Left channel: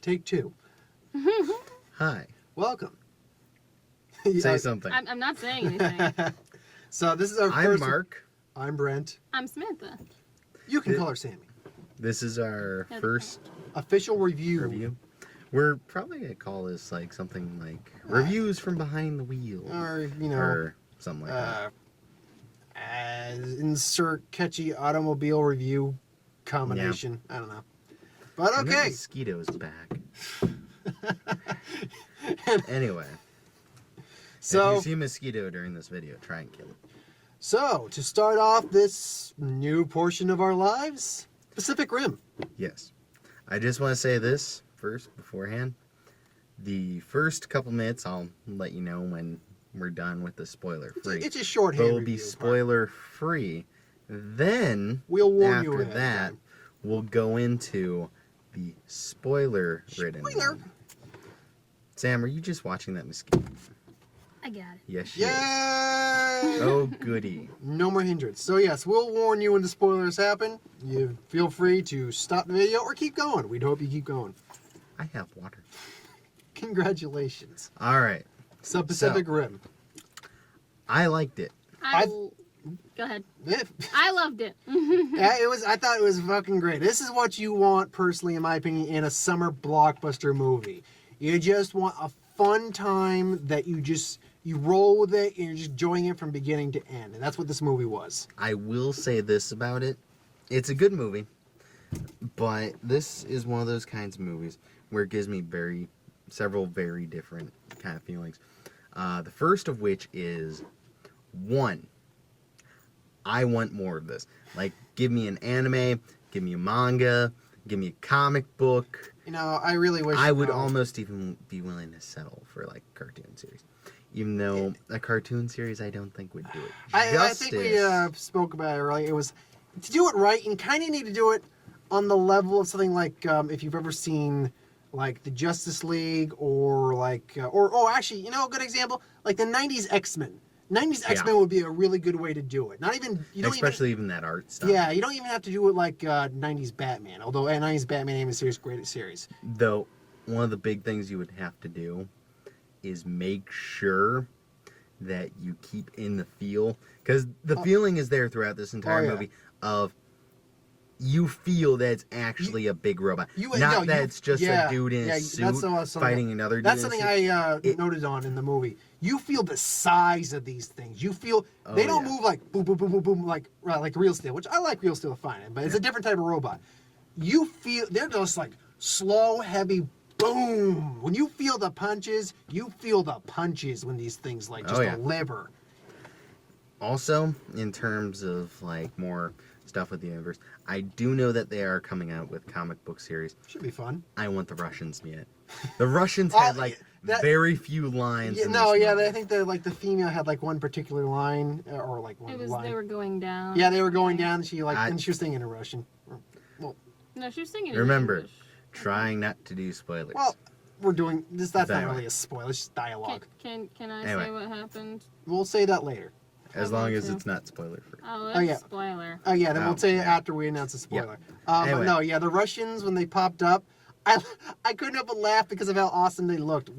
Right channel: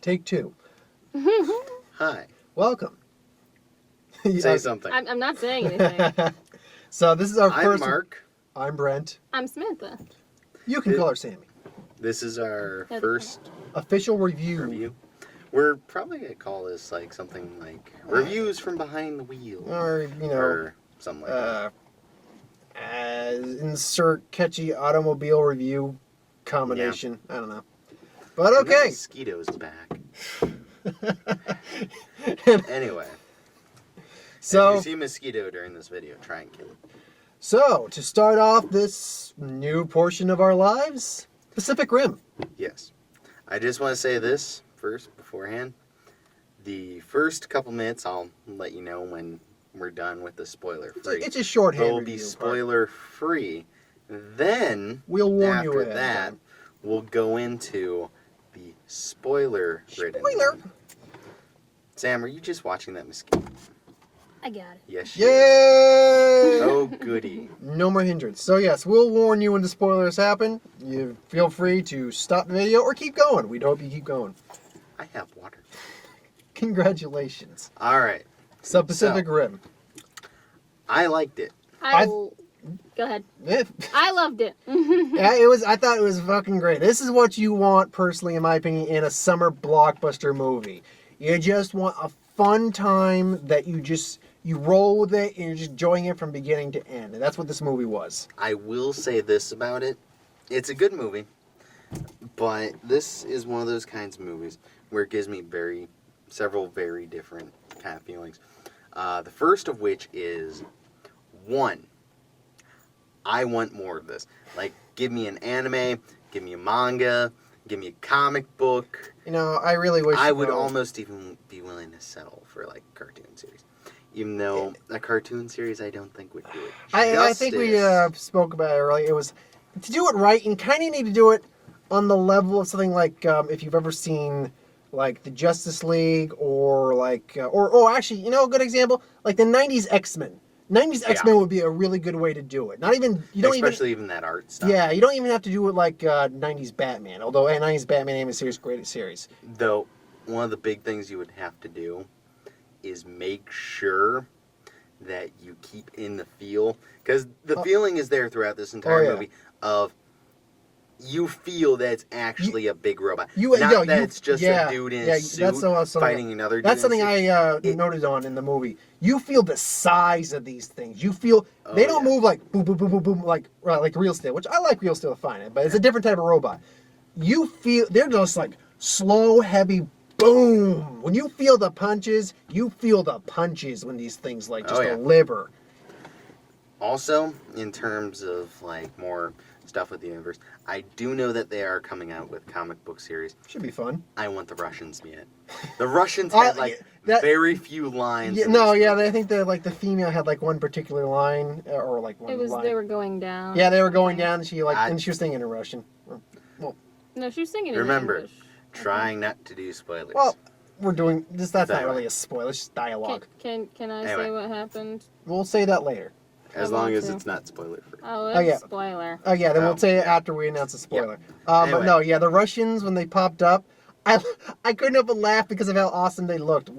Take two. Hi. Welcome. Say something. I'm not saying anything. So this is our I'm first. Mark. I'm Brent. I'm Samantha. You can call her Sammy. This is our That's first Official review. We're probably going to call this like something like Reviews from Behind the Wheel. Or, Or something like that. Insert catchy automobile review combination. I don't know. But And that okay. mosquito's back. Anyway. So, if you see a mosquito during this video, try and kill it. So, to start off this new portion of our lives, Pacific Rim. Yes. I just want to say this first, beforehand. The first couple minutes, I'll let you know when we're done with the spoiler free. It's a shorthand It'll review. be spoiler free. Then, we'll warn you after ahead of that, time. we'll go into the spoiler-ridden Spoiler. one. Sam, are you just watching that mosquito? I got it. Yes, Yay! she is. Oh, goody. No more hindrance. So yes, we'll warn you when the spoilers happen. You feel free to stop the video or keep going. We'd hope you keep going. I have water. Congratulations. All right. So Pacific Rim. I liked it. Go ahead. Eh, I loved it. yeah, I thought it was fucking great. This is what you want, personally, in my opinion, in a summer blockbuster movie. You just want a fun time that you roll with it and you're just enjoying it from beginning to end. And that's what this movie was. I will say this about it. It's a good movie, but this is one of those kinds of movies where it gives me several very different kind of feelings. The first of which is, one, I want more of this. Like, give me an anime, give me a manga, give me a comic book. You know, I really wish... I would almost even be willing to settle for, like, a cartoon series. Even though a cartoon series I don't think would do it I think we spoke about it earlier. It was, to do it right, you kind of need to do it on the level of something like, if you've ever seen, like, the Justice League, or, like, actually, you know, a good example? Like, the 90s X-Men. 90s X-Men would be a really good way to do it. Especially even that art stuff. Yeah, you don't even have to do it like 90s Batman. Although 90s Batman animated series, great series. Though, one of the big things you would have to do is make sure that you keep in the feel. Because the feeling is there throughout this entire movie of you feel that it's actually a big robot. It's just a dude in a suit fighting another dude. That's something I noted on in the movie. You feel the size of these things. You feel they don't move like boom, boom, boom, boom, boom, like real steel, which I like real steel fine, but it's a different type of robot. You feel they're just like slow, heavy, boom. When you feel the punches, when these things like just deliver. Also, in terms of like more stuff with the universe, I do know that they are coming out with comic book series. Should be fun. I want the Russians to be it. The Russians had very few lines. I think the female had like one particular line or like one line. They were going down. Yeah, they were going down. And she was singing in Russian. No, she was singing in Remember, English. trying not to do spoilers. Well, we're doing this. That's not really a spoiler. It's just dialogue. Can I say what happened? We'll say that later. As long as it's not spoiler free. Spoiler. Oh yeah, then we'll say it after we announce the spoiler. But no, the Russians, when they popped up, I couldn't help but laugh because of how awesome they looked.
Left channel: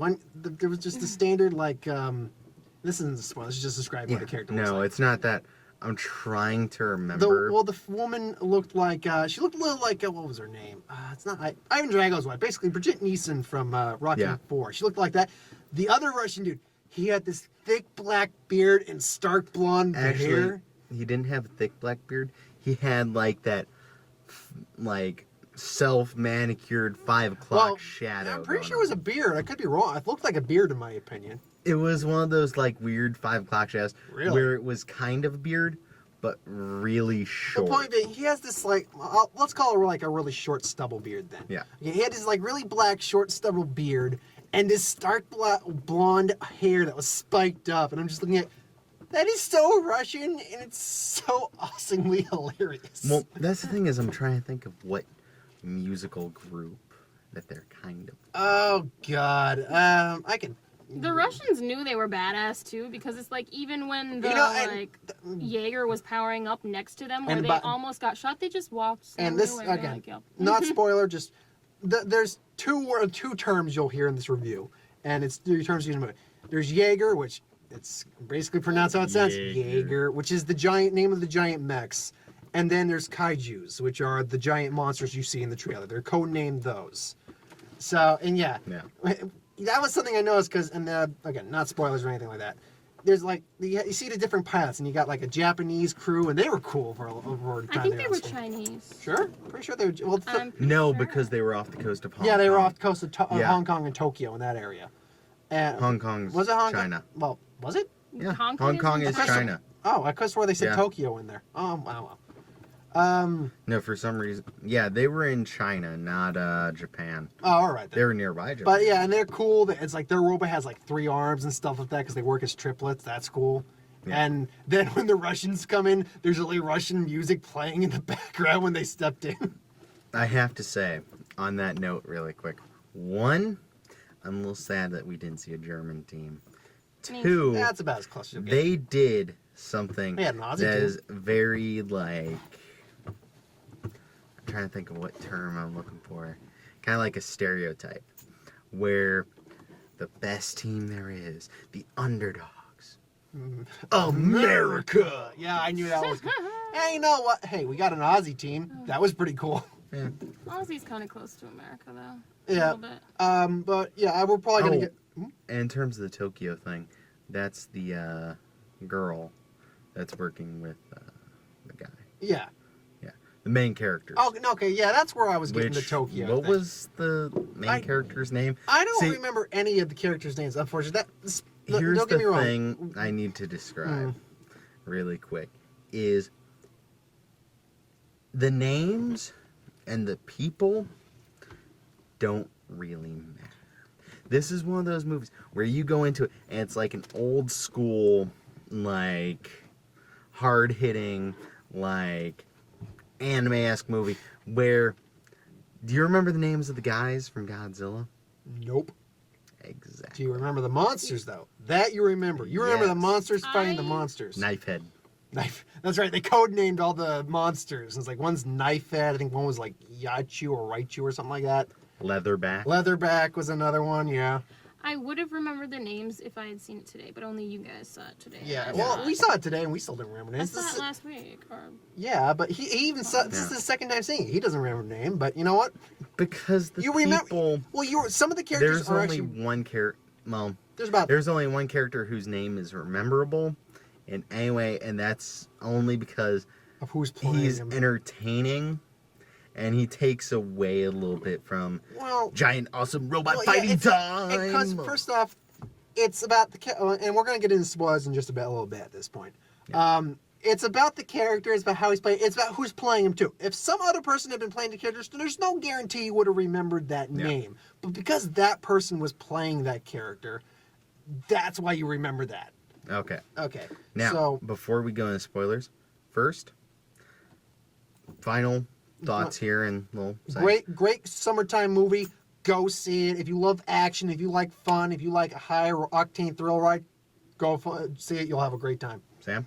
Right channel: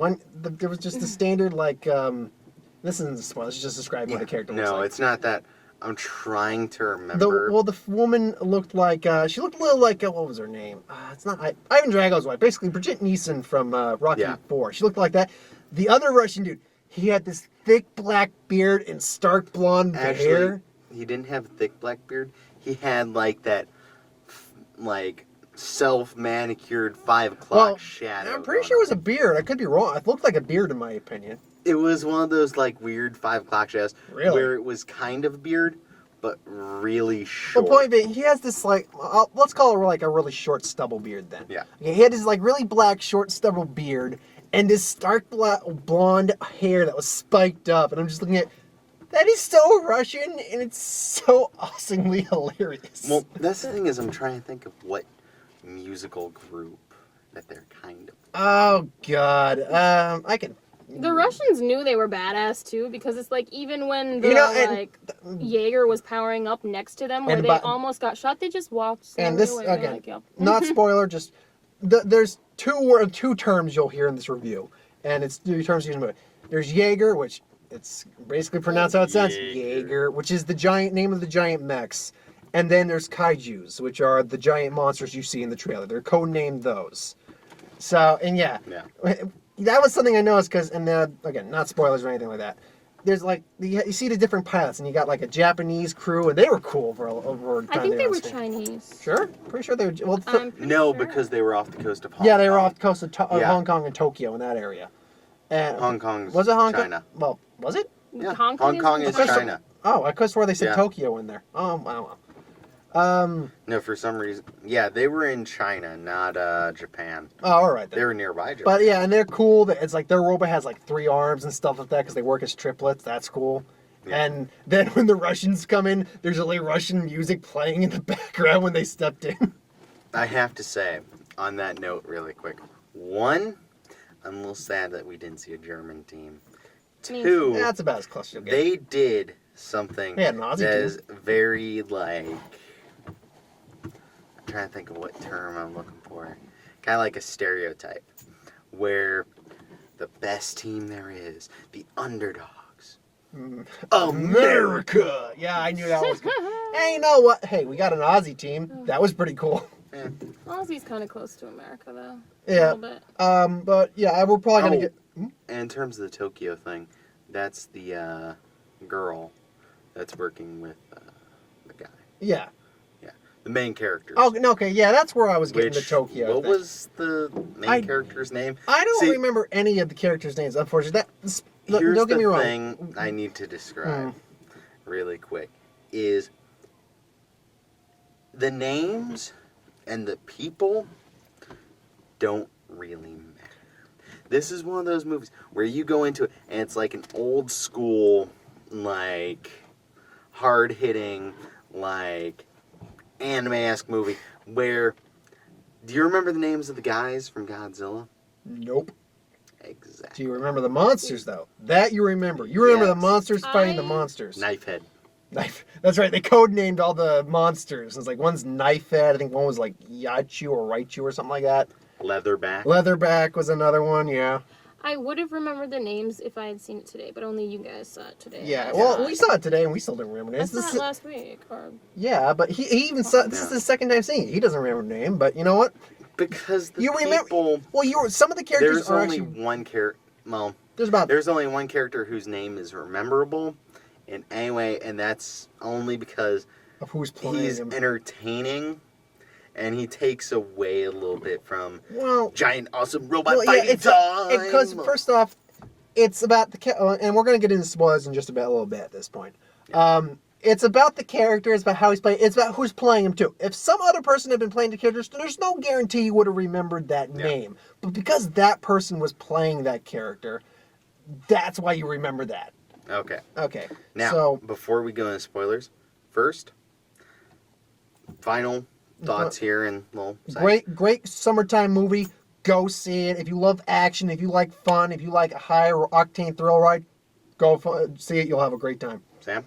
There was just the standard this isn't a spoiler. It's just describing what the character looks like. No, it's not that. I'm trying to remember. The woman looked like she looked a little like what was her name? It's not Ivan Drago's wife. Basically, Brigitte Nielsen from Rocky IV. She looked like that. The other Russian dude, he had this thick black beard and stark blonde hair. He didn't have a thick black beard. He had like that, like self-manicured 5 o'clock shadow. I'm pretty sure it was a beard. I could be wrong. It looked like a beard in my opinion. It was one of those like weird 5 o'clock shadows where it was kind of a beard, but really short. The point being, he has this like let's call it like a really short stubble beard then. Yeah. He had this like really black short stubble beard and this stark blonde hair that was spiked up, and I'm just looking at. That is so Russian, and it's so awesomely hilarious. Well, that's the thing is I'm trying to think of what musical group that they're kind of. Oh, God. I can... The Russians knew they were badass, too, because it's like, even when Jaeger was powering up next to them, where they almost got shot, they just walked. And this, again, not spoiler, just... there's two terms you'll hear in this review, and it's two terms used in the movie. There's Jaeger, which it's basically pronounced how it sounds. Jaeger, which is the giant name of the giant mechs. And then there's kaijus, which are the giant monsters you see in the trailer. They're codenamed those. So, and yeah. That was something I noticed because, and then, again, not spoilers or anything like that. There's like, you see the different pilots, and you got like a Japanese crew, and they were cool for over time. I think they were Chinese. Sure? Pretty sure they were. Well, no, because they were off the coast of Hong Kong. Yeah, they were off the coast of Hong Kong and Tokyo in that area. And Hong Kong's was it Hong Kong? China. Well, was it? Yeah, Hong Kong is China. Oh, I could have swore they said Tokyo in there. Oh, I don't know. No, for some reason, yeah, they were in China, not Japan. Oh, all right. Then. They were nearby Japan. But yeah, and they're cool. It's like their robot has like 3 arms and stuff like that because they work as triplets. That's cool. Yeah. And then when the Russians come in, there's a little Russian music playing in the background when they stepped in. I have to say, on that note, really quick, 1, I'm a little sad that we didn't see a German team. 2, that's about as close as you get. They did something that is very like. I'm trying to think of what term I'm looking for. Kind of like a stereotype, where the best team there is, the underdogs, America. Yeah, I knew that was good. Hey, you know what? Hey, we got an Aussie team. That was pretty cool. Yeah. Aussie's kind of close to America, though. Yeah. A little bit. But yeah, we're probably gonna get. And in terms of the Tokyo thing, that's the girl that's working with the guy. Yeah. The main characters. Oh, okay, yeah, that's where I was getting the Tokyo. What was the main character's name? I don't remember any of the characters' names, unfortunately. Here's don't get me the wrong. thing I need to describe really quick is the names and the people don't really matter. This is one of those movies where you go into it and it's like an old school, like hard-hitting, like anime-esque movie where, do you remember the names of the guys from Godzilla? Nope. Exactly. Do you remember the monsters, though? That you remember. You remember the monsters fighting the monsters. Knifehead. That's right. They codenamed all the monsters. It's like one's Knifehead. I think one was like Yachu or Raichu or something like that. Leatherback. Leatherback was another one, yeah. I would have remembered the names if I had seen it today, but only you guys saw it today. Yeah, well, we saw it today and we still didn't remember names. I saw it last week. Yeah, but he even saw this is his second time seeing it. He doesn't remember the name, but you know what? Because the people... Well, some of the characters are actually... one character... Well, there's only one character whose name is rememberable. And anyway, and that's only because of who's playing he's him. Entertaining. And he takes away a little bit from giant, awesome robot fighting time. Because first off, it's about and we're going to get into spoilers in just a little bit at this point. Yeah. It's about the character. It's about how he's playing. It's about who's playing him too. If some other person had been playing the characters, there's no guarantee you would have remembered that name. But because that person was playing that character, that's why you remember that. Okay. Okay. Now, before we go into spoilers, first, final thoughts here and great summertime movie. Go see it. If you love action, if you like fun, if you like a high octane thrill ride, go see it. You'll have a great time. Sam?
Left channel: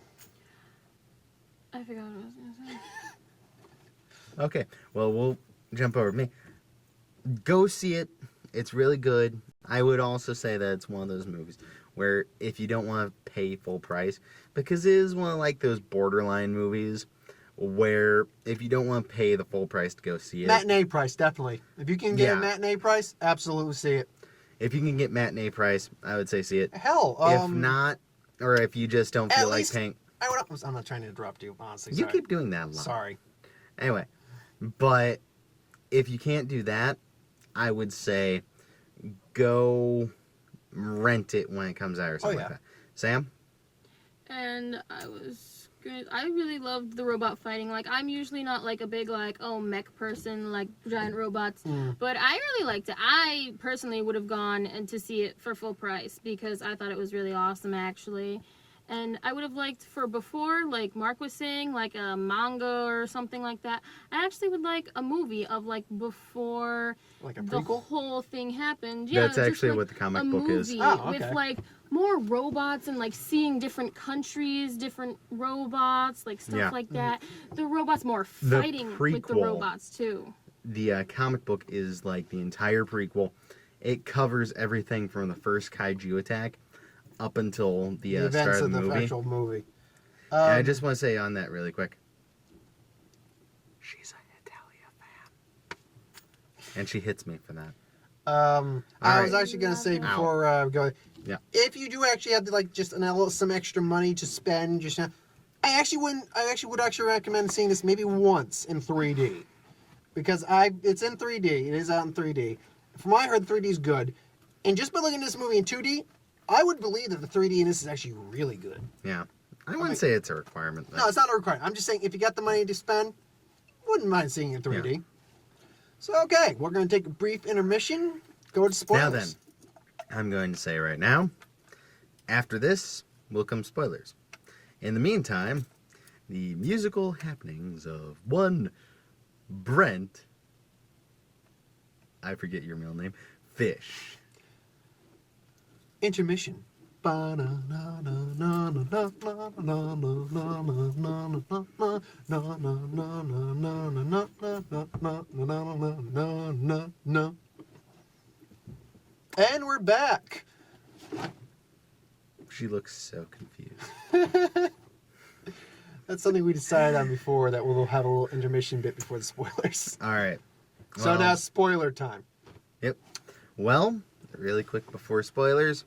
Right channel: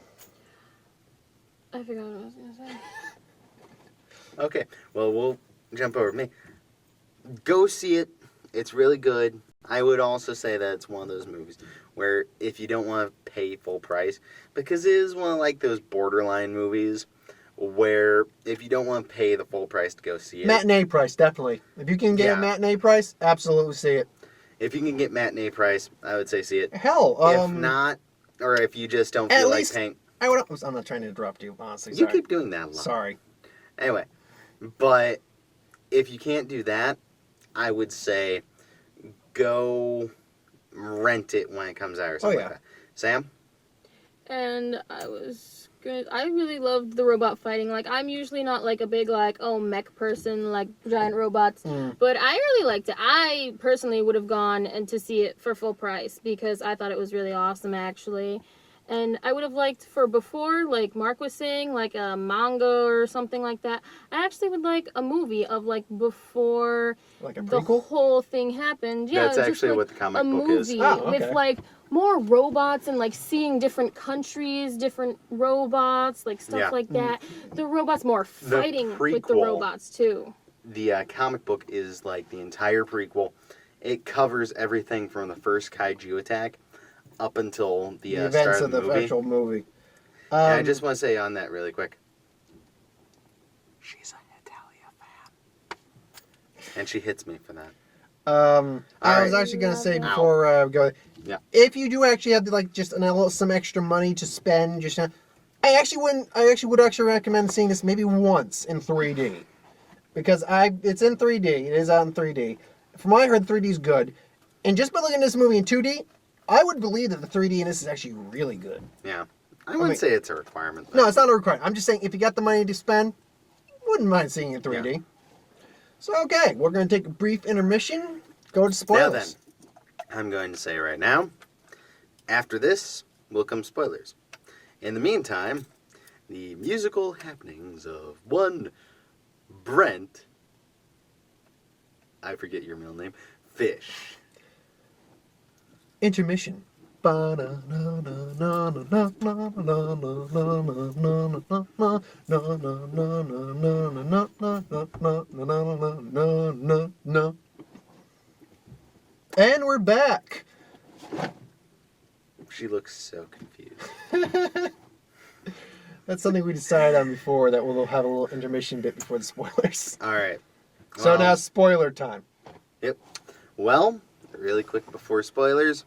I forgot what I was going to say. Okay. Well, we'll jump over to me. Go see it. It's really good. I would also say that it's one of those movies where if you don't want to pay full price, because it is one of like those borderline movies where if you don't want to pay the full price to go see it... Matinee price, definitely. If you can get a matinee price, absolutely see it. If you can get matinee price, I would say see it. Hell, if not, or if you just don't feel like paying... I'm not trying to interrupt you, honestly. You keep doing that a lot. Sorry. Anyway, but if you can't do that, I would say go rent it when it comes out or something like that. Sam? And I really loved the robot fighting. Like, I'm usually not, like, a big, like, mech person, like, giant robots. But I really liked it. I personally would have gone and to see it for full price because I thought it was really awesome, actually. And I would have liked for before, like Mark was saying, like a manga or something like that. I actually would like a movie of, like, before the whole thing happened. Yeah, that's actually what the comic book is. With, like, more robots and, like, seeing different countries, different robots, like, stuff like that. The robots more fighting with the robots, too. the comic book is like the entire prequel. It covers everything from the first kaiju attack up until the events start of of the the movie. actual movie. And I just want to say on that really quick. She's a Hetalia fan. And she hits me for that. I was actually gonna say before go. Yeah. If you do actually have like just some extra money to spend, just I actually would actually recommend seeing this maybe once in 3D, because it's in 3D. It is out in 3D. From what I heard, 3D is good, and just by looking at this movie in 2D, I would believe that the 3D in this is actually really good. Yeah. I wouldn't say it's a requirement. Though. No, it's not a requirement. I'm just saying if you got the money to spend, wouldn't mind seeing it in 3D. Yeah. So okay, we're gonna take a brief intermission. Go to spoilers. Now then, I'm going to say right now, after this will come spoilers. In the meantime, the musical happenings of one Brent, I forget your middle name, Fish. Intermission. And we're back. She looks so confused. That's something we decided on before, that we'll have a little intermission bit before the spoilers. All right. So now spoiler time. Yep. Well, really quick before spoilers,